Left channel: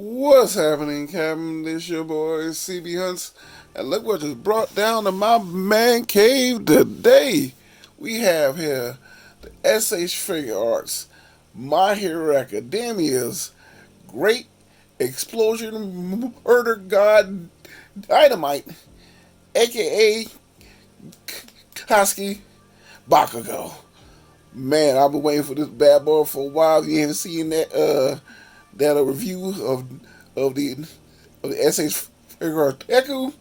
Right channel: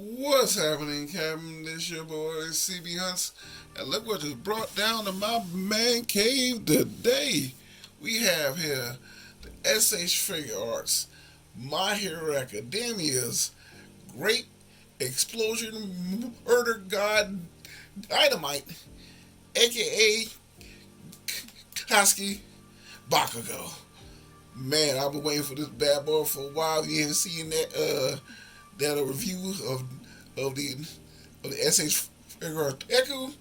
What's happening, Captain? This your boy cbhunts, and look what just brought down to my man cave today. We have here the SH Figuarts, My Hero Academia's Great Explosion Murder God Dynamite, aka Koski Bakugo. Man, I've been waiting for this bad boy for a while. If you haven't seen that a review of the SH Figure Deku.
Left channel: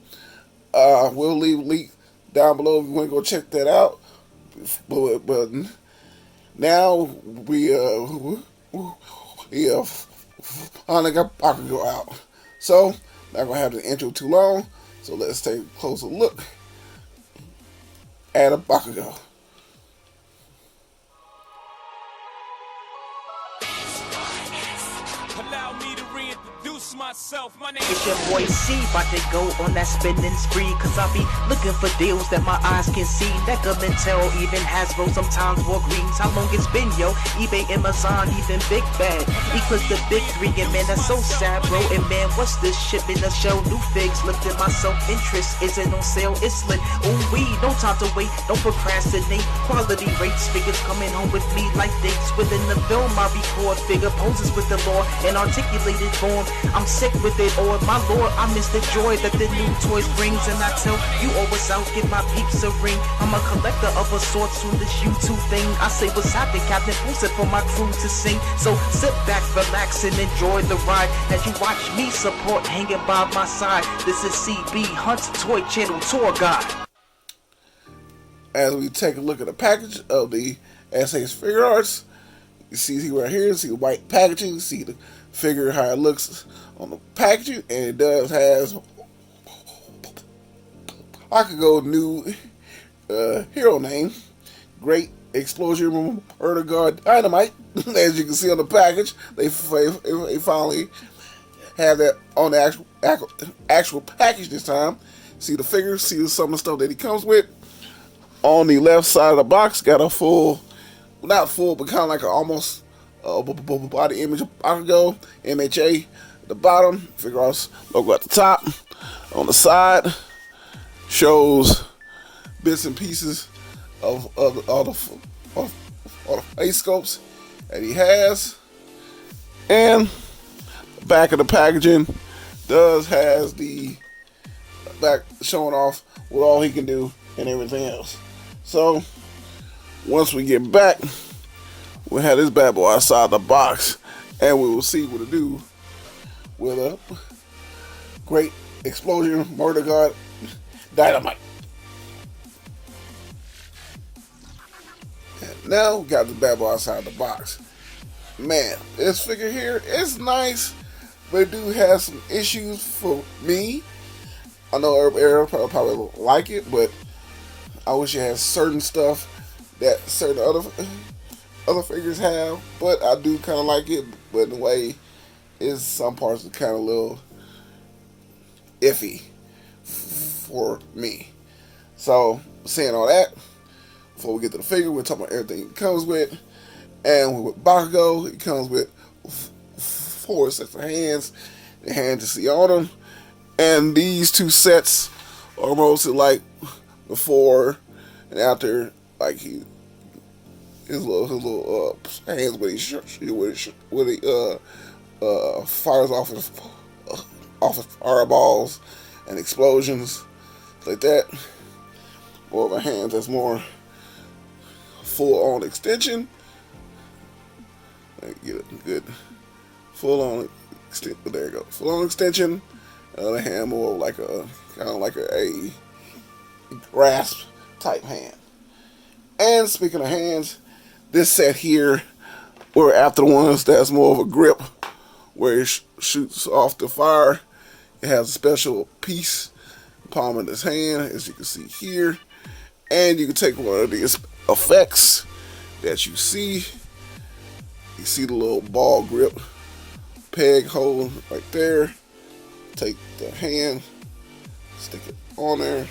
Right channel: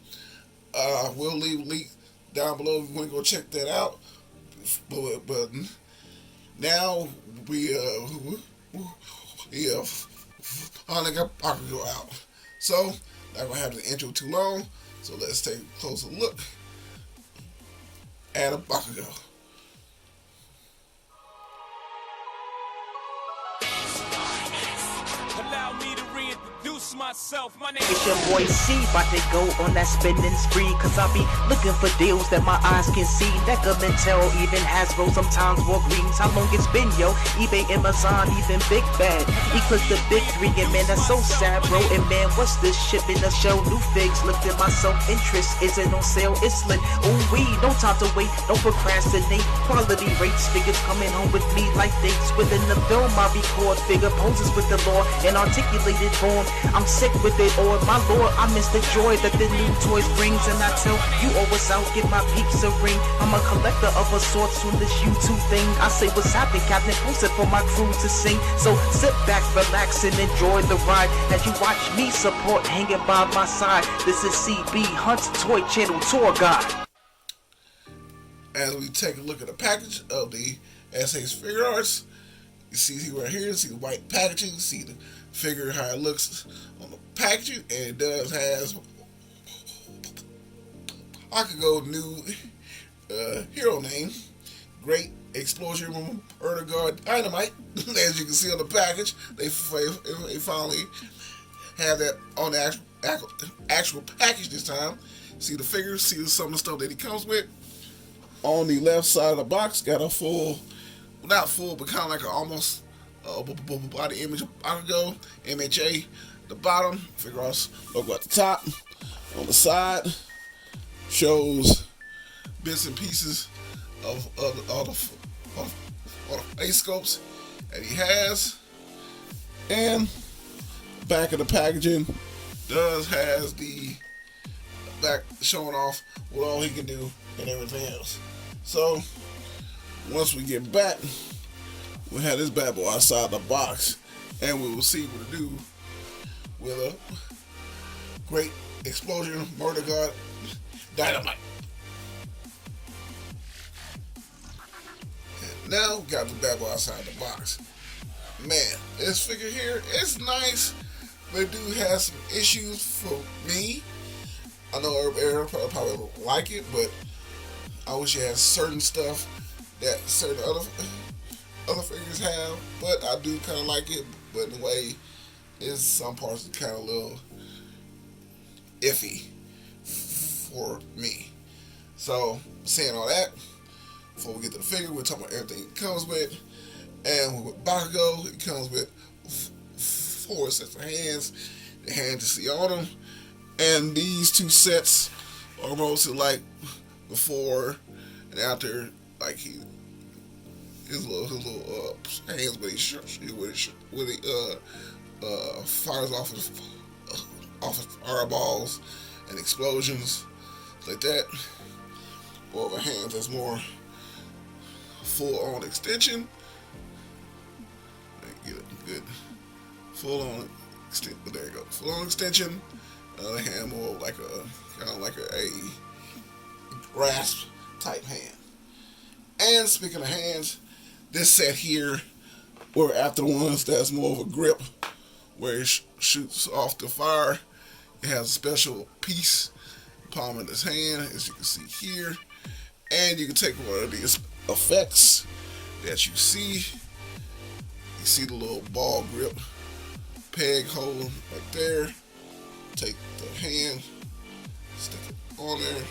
We'll leave a link down below if you want to go check that out. But now we finally got Bakugo out. So not gonna have the intro too long. So let's take a closer look at a Bakugo. Allow me to reintroduce myself. My name It's your boy C, about to go on that spending spree. Cause I be looking for deals that my eyes can see. Neckermentel, even Hasbro, sometimes Walgreens. How long it's been, yo? eBay, Amazon, even Big Bad. Eclipse the big three, and man, that's so sad, bro. And man, what's this shit in the show? New figs, looked at my self-interest. Is it on sale? It's lit. Ooh, we, no time to wait, don't procrastinate. Quality rates, figures coming home with me like dates. Within the film, I record figure poses with the law and articulated form. I'm sick with it, or my lord, I miss the joy that the new toys brings. And I tell you always out, get my peeps a ring. I'm a collector of a sorts on this YouTube thing. I say what's happening, Captain, post it for my crew to sing. So sit back, relax, and enjoy the ride as you watch me support hanging by my side. This is CB Hunt's Toy Channel Tour Guide. As we take a look at the package of the SH Figuarts, you see right here, see the white packaging, you see the figure how it looks on the packaging, and it does has Bakugo new hero name, Great Explosion Murder God Dynamite. As you can see on the package, they finally have that on the actual package this time. See the figure, see some of the stuff that he comes with. On the left side of the box, got a full, not full, but kind of like an almost body image of Bakugo, MHA. The bottom, Figuarts logo at the top. On the side, shows bits and pieces of all the face sculpts that he has. And the back of the packaging has the back showing off what all he can do and everything else. So once we get back, we'll have this bad boy outside the box, and we will see what it do with a Great Explosion Murder God Dynamite. And now we got the bad boy outside the box. Man, this figure here is nice, but it do have some issues for me. I know everybody probably don't like it, but I wish it had certain stuff that certain other figures have. But I do kind of like it, but in a way, is some parts are kind of a little iffy for me. So, saying all that, before we get to the figure, we'll talk about everything it comes with. And with Bakugo, it comes with 4 sets of hands. The hands you see on them. And these 2 sets are mostly like before and after, like his little hands when he fires off his fireballs and explosions like that. Or the hands that's more full on extension. Get it good. Full on extension. There you go. Full on extension. The hand more like a kind of like a grasp type hand. And speaking of hands, this set here, we're after the ones that's more of a grip, where it shoots off the fire. It has a special piece, palm of this hand, as you can see here. And you can take one of these effects that you see. You see the little ball grip peg hole right there. Take the hand, stick it on there.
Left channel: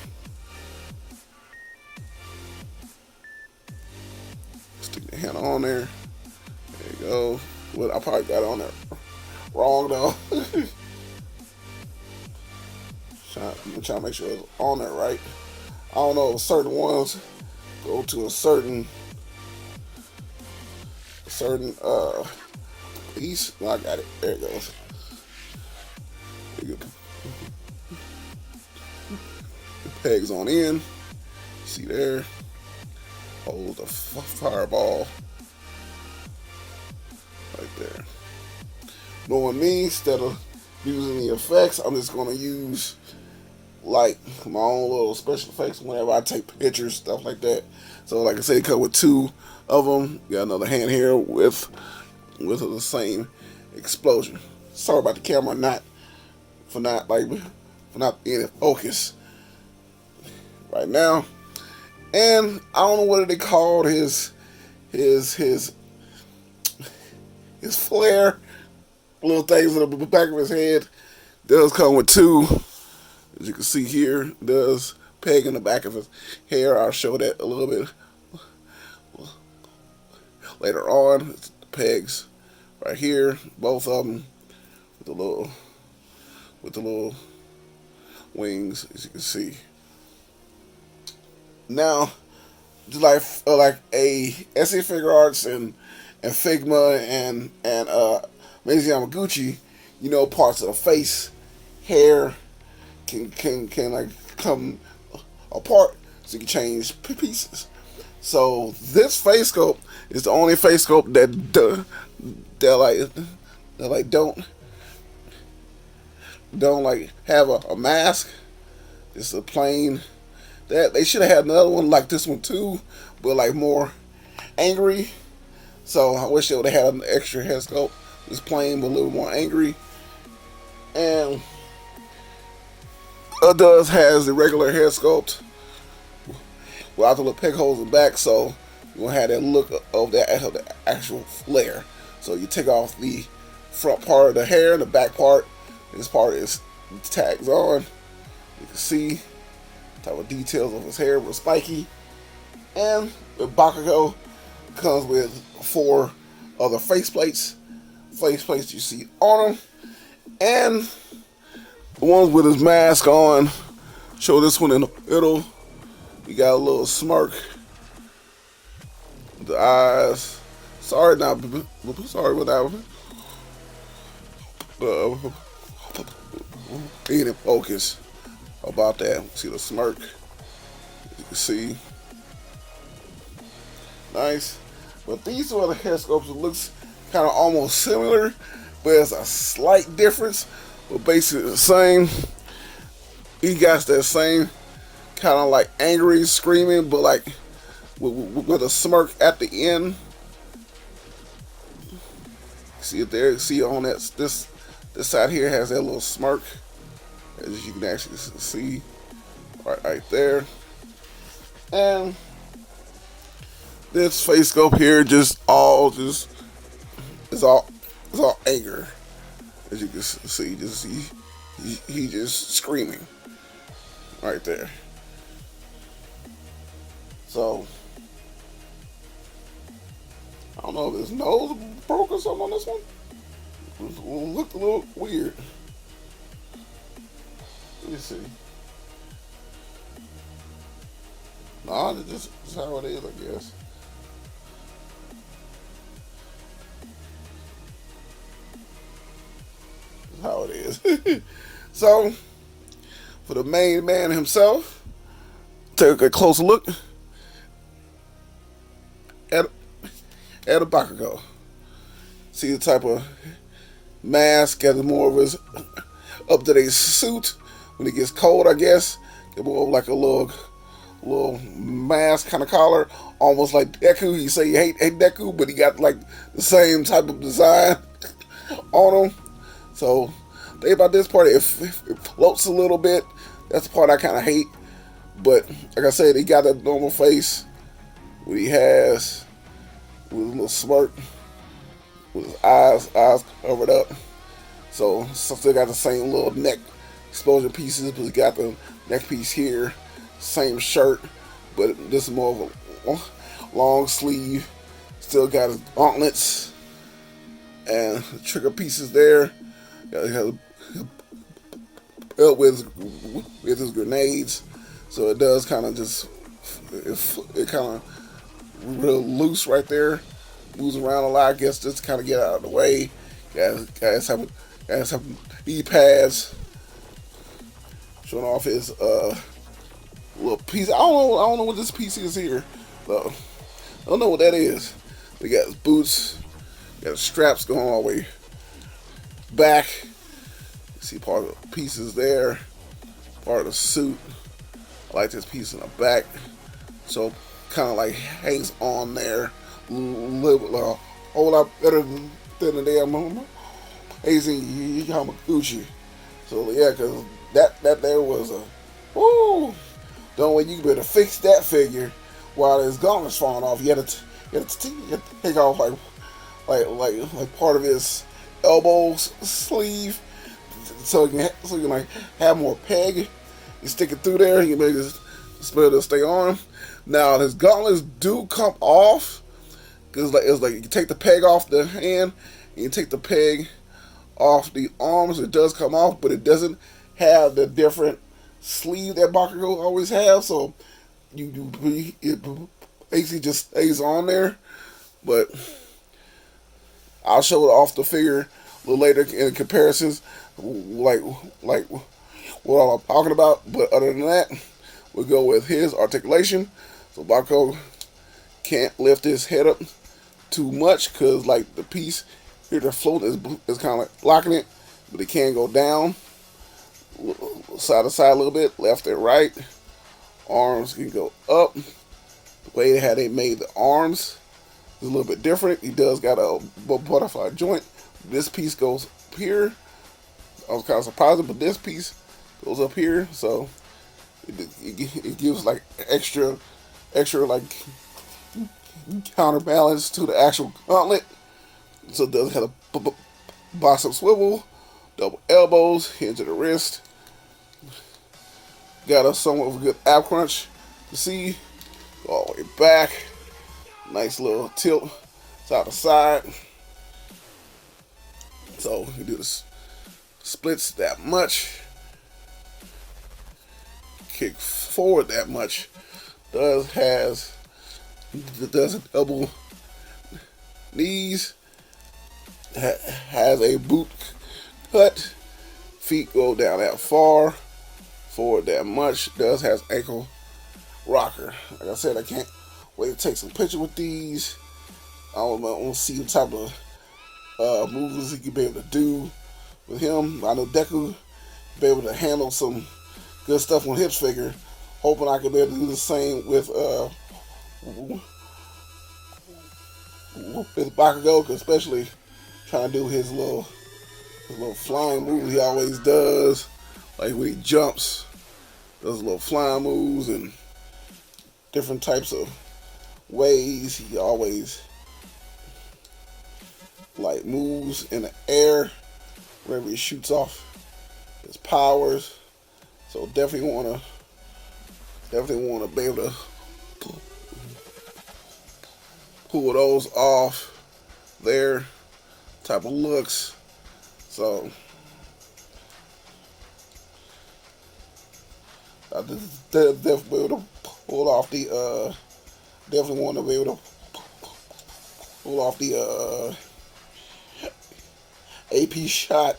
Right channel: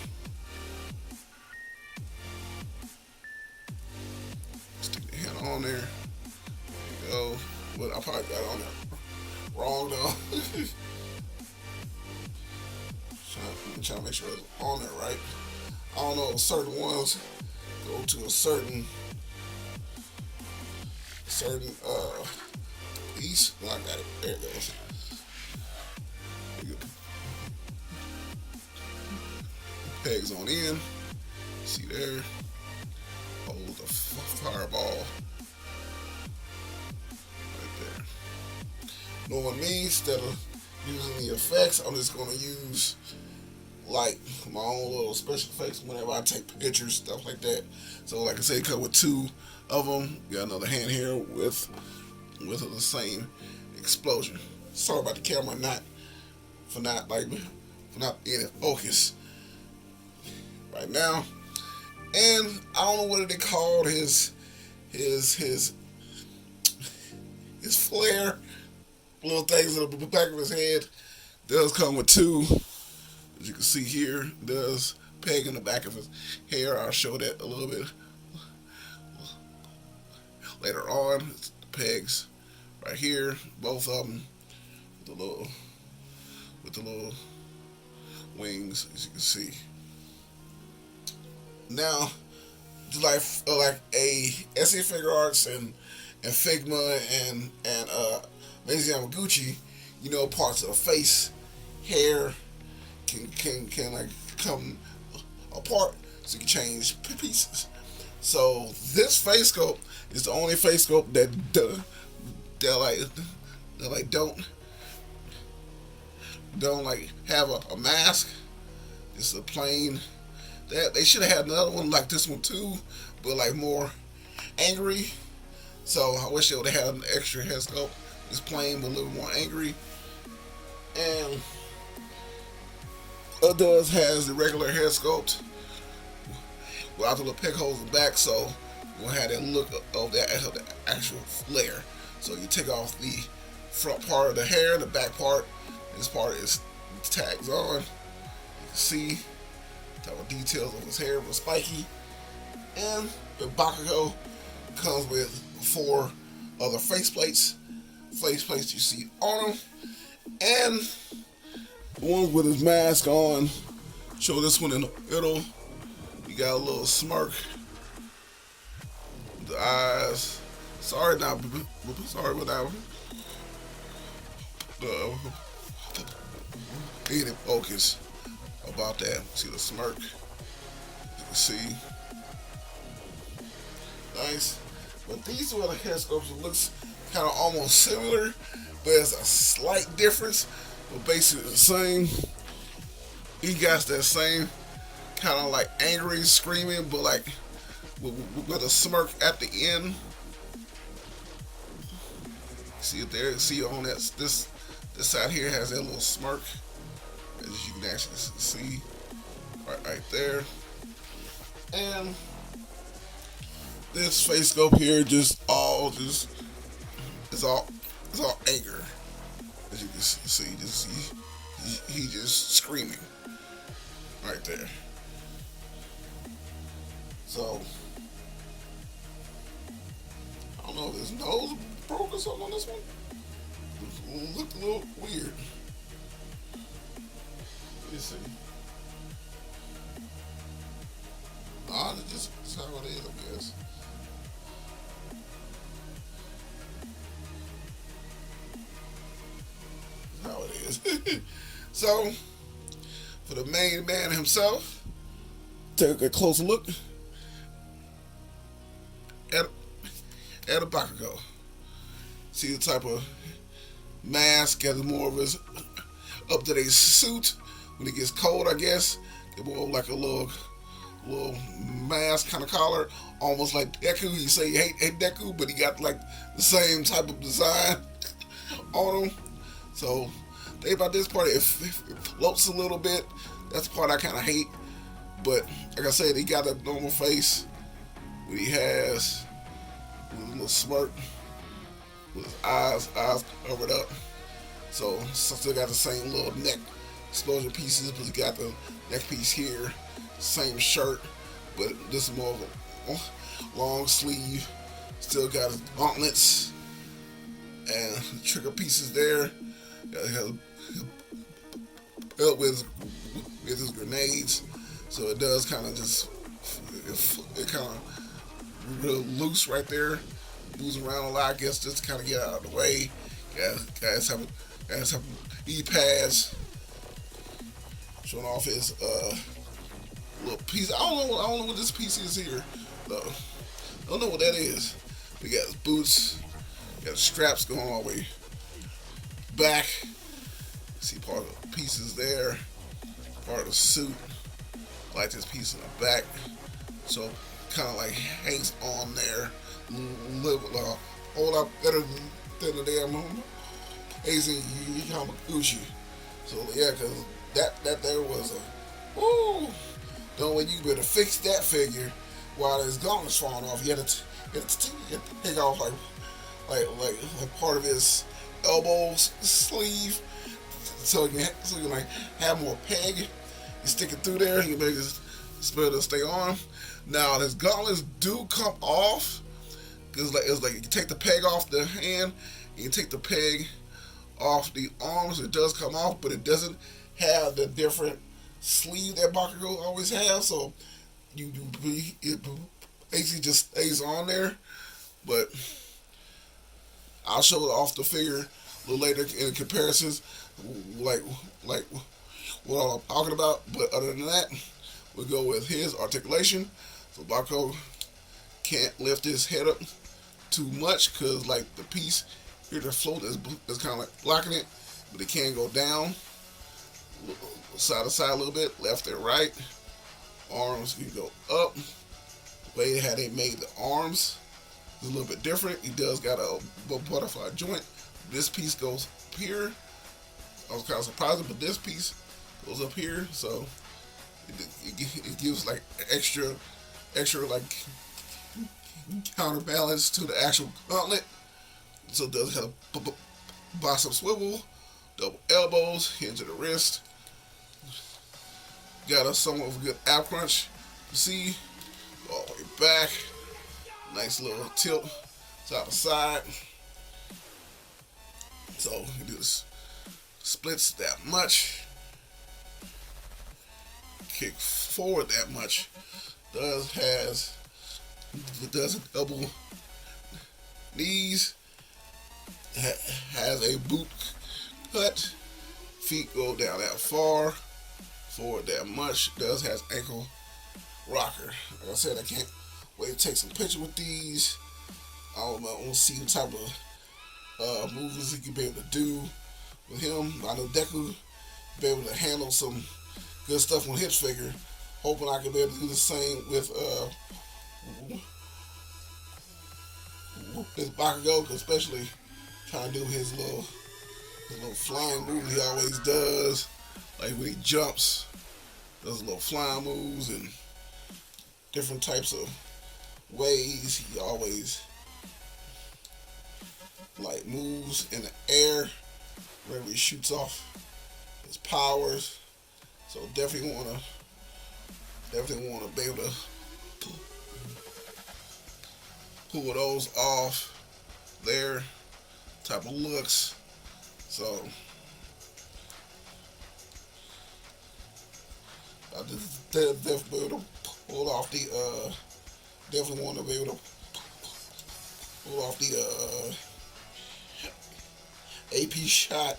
Stick the hand on there. There you go. Well, I probably got it on there wrong though. I'm trying to make sure it's on there right. I don't know, certain ones go to a certain piece. No, I got it. There it goes. There you go. Pegs on in. See there. Hold the fireball right there. Knowing me, instead of using the effects, I'm just gonna use like my own little special effects whenever I take pictures, stuff like that. So like I said, it come with 2 of them. Got another hand here with the same explosion. Sorry about the camera for not in focus right now. And I don't know what they called his flare, little things in the back of his head. Does come with 2, as you can see here. Does peg in the back of his hair. I'll show that a little bit later on. It's the pegs right here, both of them with the little wings, as you can see. Now, just like a SA Figuarts and Figma and Maisie Yamaguchi, you know, parts of the face, hair can like come apart, so you can change pieces. So this face sculpt is the only face sculpt that don't like have a mask. It's a plain. That they should have had another one like this one too, but like more angry. So I wish they would have had an extra head sculpt. It's plain but a little more angry. And does has the regular head sculpt without the little peg holes in the back, so you won't have that look of the actual flare. So you take off the front part of the hair and the back part. This part is tags on. You can see type of details of his hair was spiky. And the Bakugo comes with 4 other faceplates you see on him. And the ones with his mask on, show this one in the middle. You got a little smirk. The eyes. Sorry with that. Need in focus about that. See the smirk. You can see. Nice. But these are the head sculpts. It looks kind of almost similar, but there's a slight difference. But basically the same. He got that same kind of like angry screaming, but like with a smirk at the end. See it there? See on that this side here has that little smirk, as you can actually see right there. And this face sculpt here is all anger, as you can see. He just screaming right there. So I don't know if his nose broke or something on this one. It looked a little weird. Let me see. Nah, this is how it is, I guess. How it is. So, for the main man himself, take a close look at a Bakugo. See the type of mask, got more of his up-to-date suit. When it gets cold, I guess, get more of like a little mask kind of collar, almost like Deku. You say you hate Deku, but he got like the same type of design on him. So think about this part. It floats a little bit. That's the part I kind of hate. But like I said, he got a normal face. What he has with a little smirk, with his eyes covered up. So still got the same little neck explosion pieces, but he got the neck piece here. Same shirt, but this is more of a long sleeve. Still got his gauntlets. and trigger pieces there. Got help with his grenades, so it does kind of just it kind of real loose right there, moves around a lot. I guess just kind of get out of the way. Guys have E-pads showing off his little piece. I don't know what this piece is here. I don't know what that is. We got his boots, got his straps going all the way back. See part of the pieces there, part of the suit. I like this piece in the back, so kind of like hangs on there a whole lot better than the damn Eiji Yamaguchi. So yeah, because that there was a woo. The only way you better fix that figure while his gauntlets falling off, you had to take off like part of his elbow sleeve, so you can like have more peg. You stick it through there, you may just it'll stay on. Now his gauntlets do come off, because it's like you can take the peg off the hand, you can take the peg off the arms. It does come off, but it doesn't have the different sleeve that Bakugo always have. So it basically just stays on there. But I'll show it off the figure a little later in comparisons, like what I'm talking about. But other than that, we'll go with his articulation. So Bakugo can't lift his head up too much, because like the piece here, the float is kind of like blocking it, but it can go down side to side a little bit, left and right. Arms can go up. The way they made the arms is a little bit different. He does got a butterfly joint. This piece goes up here. I was kind of surprised, but this piece goes up here, so it gives like extra like counterbalance to the actual gauntlet. So it does have a box up swivel, double elbows, hinge at the wrist. Got a somewhat of a good ab crunch. You see, go all the way back. Nice little tilt side to side. So you do the splits that much. Kick forward that much. Does a double knees. Has a boot cut. Feet go down that far. Forward that much. Does has ankle rocker. Like I said, I can't wait to take some pictures with these. I want to see the type of moves he can be able to do with him. I know Deku be able to handle some good stuff on his figure. Hoping I can be able to do the same with Bakugo, especially trying to do his little flying moves he always does. Like when he jumps, does little flying moves and different types of ways. He always like moves in the air whenever he shoots off his powers. So definitely want to be able to pull those off there, type of looks. So I just definitely be able to pull off the definitely want to be able to pull off the AP shot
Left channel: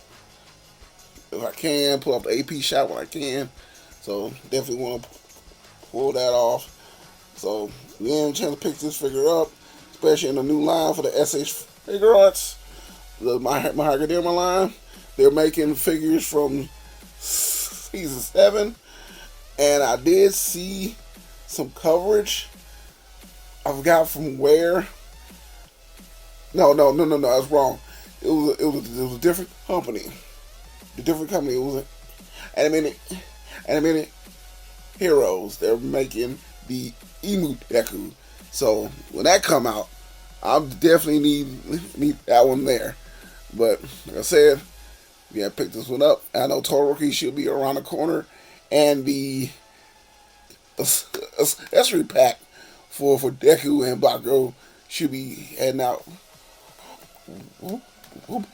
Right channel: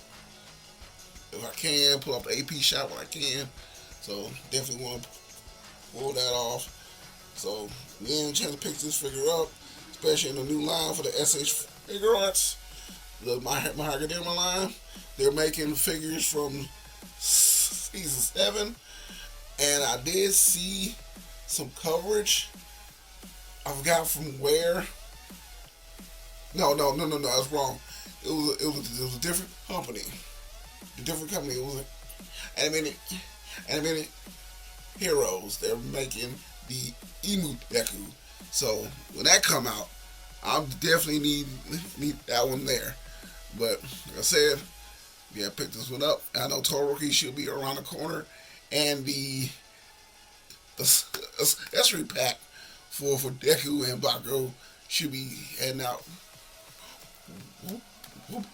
if I can, pull off the AP shot when I can. So definitely want to pull that off. So we didn't have a chance to pick this figure up, especially in the new line for the SH Figuarts, my Henriheck line. They're making figures from season 7, and I did see some coverage. I forgot from where. No, I was wrong. It was a different company. The different company. It was Animated Heroes. They're making the Emu Deku. So when that come out, I'll definitely need that one there. But like I said, you gotta pick this one up. I know Todoroki should be around the corner, and the accessory pack for Deku and Bakugo should be heading out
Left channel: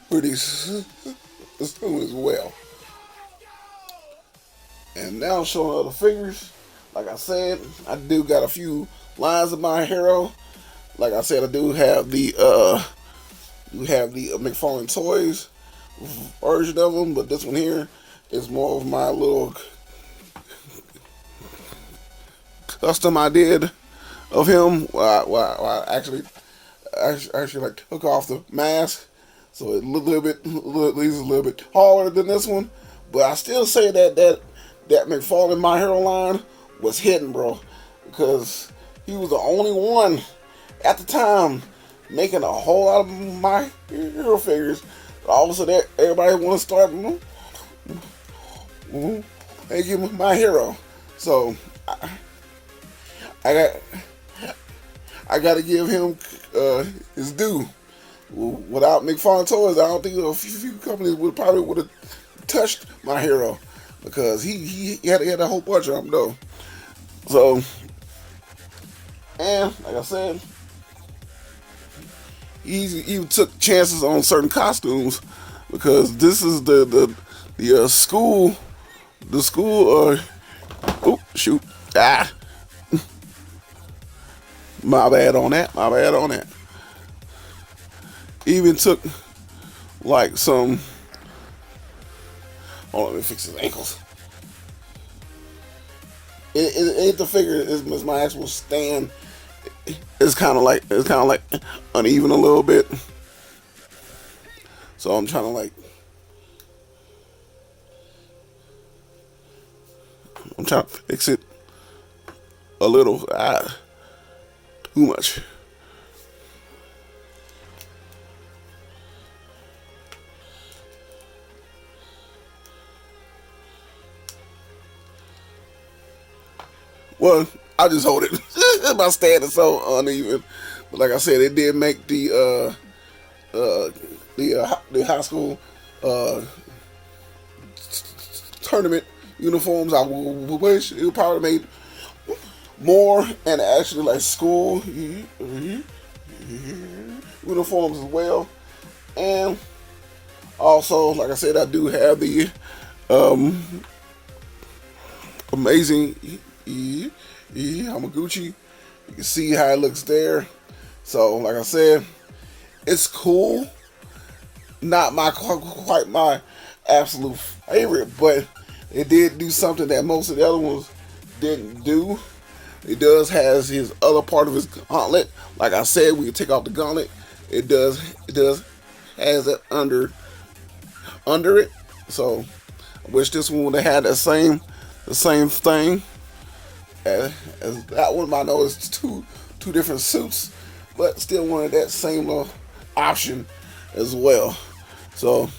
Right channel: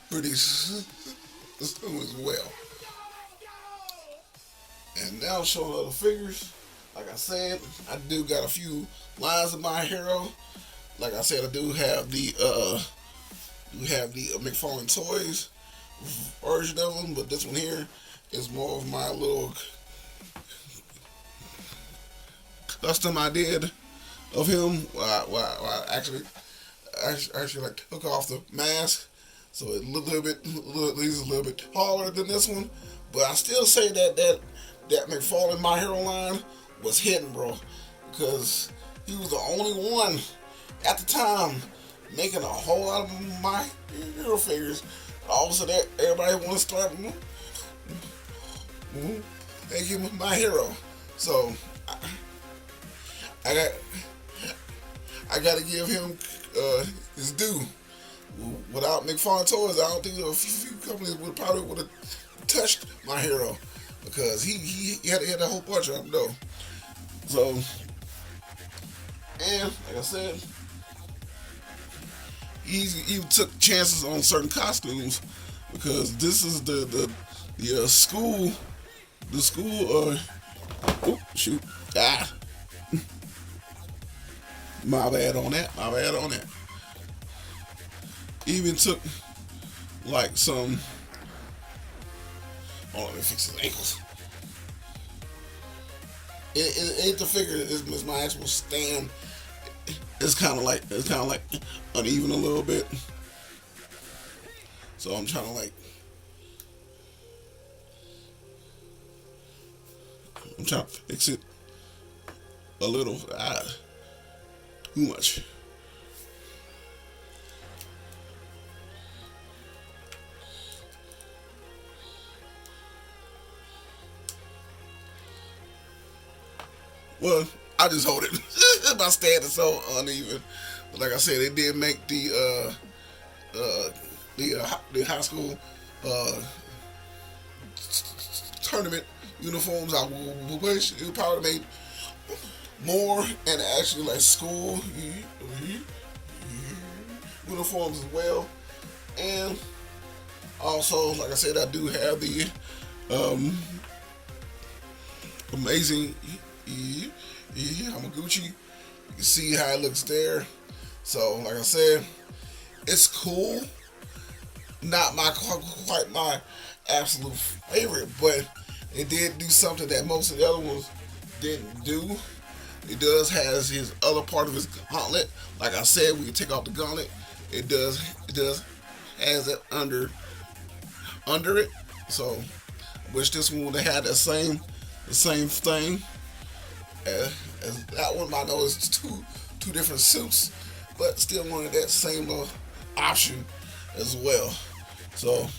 pretty soon as well. And now showing other figures. Like I said, I do got a few lines of my hero. Like I said, I do have the McFarlane Toys version of them, but this one here is more of my little custom I did of him. I actually like took off the mask, so it leaves a little bit taller than this one. But I still say that McFarlane My Hero line was hidden, bro, because he was the only one at the time making a whole lot of My Hero figures. All of a sudden, everybody want to start making My Hero. So I got to give him his due. Without McFarlane Toys, I don't think a few companies would have touched My Hero, because he had a whole bunch of them though. So, and like I said, he even took chances on certain costumes, because this is the school. Oh shoot! My bad on that. Even took like some. Oh, let me fix his ankles. It the figure is my actual stand. It's kind of like uneven a little bit. So I'm trying to fix it a little. Too much. Well, I just hold it. My stand is so uneven. But like I said, it did make the high school tournament uniforms. I wish it probably made more, and actually like school uniforms as well. And also, like I said, I do have the amazing Hamaguchi. You can see how it looks there. So, like I said, it's cool. Not quite my absolute favorite, but it did do something that most of the other ones didn't do. It does has his other part of his gauntlet. Like I said, we can take off the gauntlet. It does has it under it. So I wish this one would have had the same thing as that one. I know it's two different suits, but still wanted that same little option as well. So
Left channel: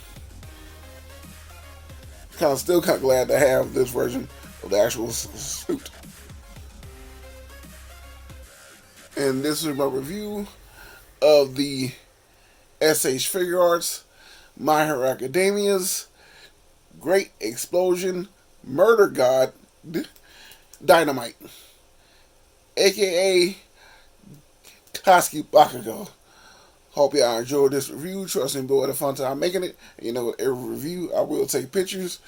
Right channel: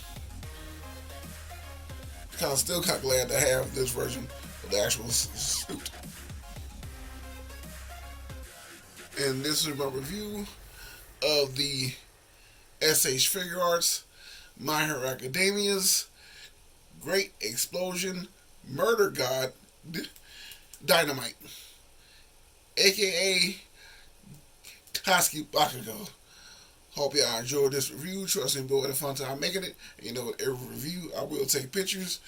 still kind of glad to have this version of the actual suit. And this is my review of the SH Figuarts My Hero Academia's Great Explosion Murder God Dynamight, aka Bakugo. Hope y'all enjoyed this review. Trust and enjoyed the fun time making it. You know, with every review I will take pictures.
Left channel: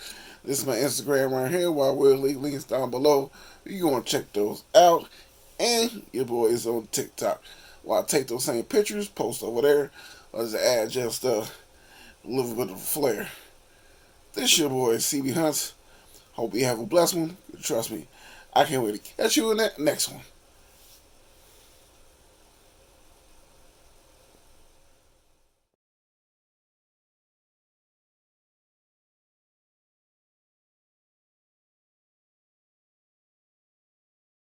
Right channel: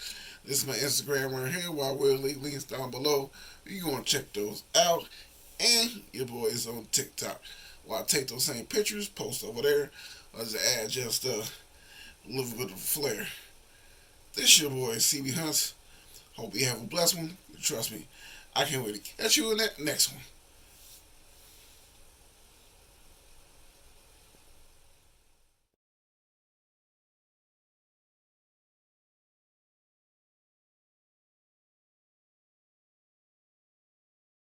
This is my Instagram right here. While we'll leave links down below, you want to check those out. And your boy is on TikTok. While I take those same pictures, post over there. I'll just add just a little bit of flair. This your boy cbhunts. Hope you have a blessed one. Trust me, I can't wait to catch you in that next one.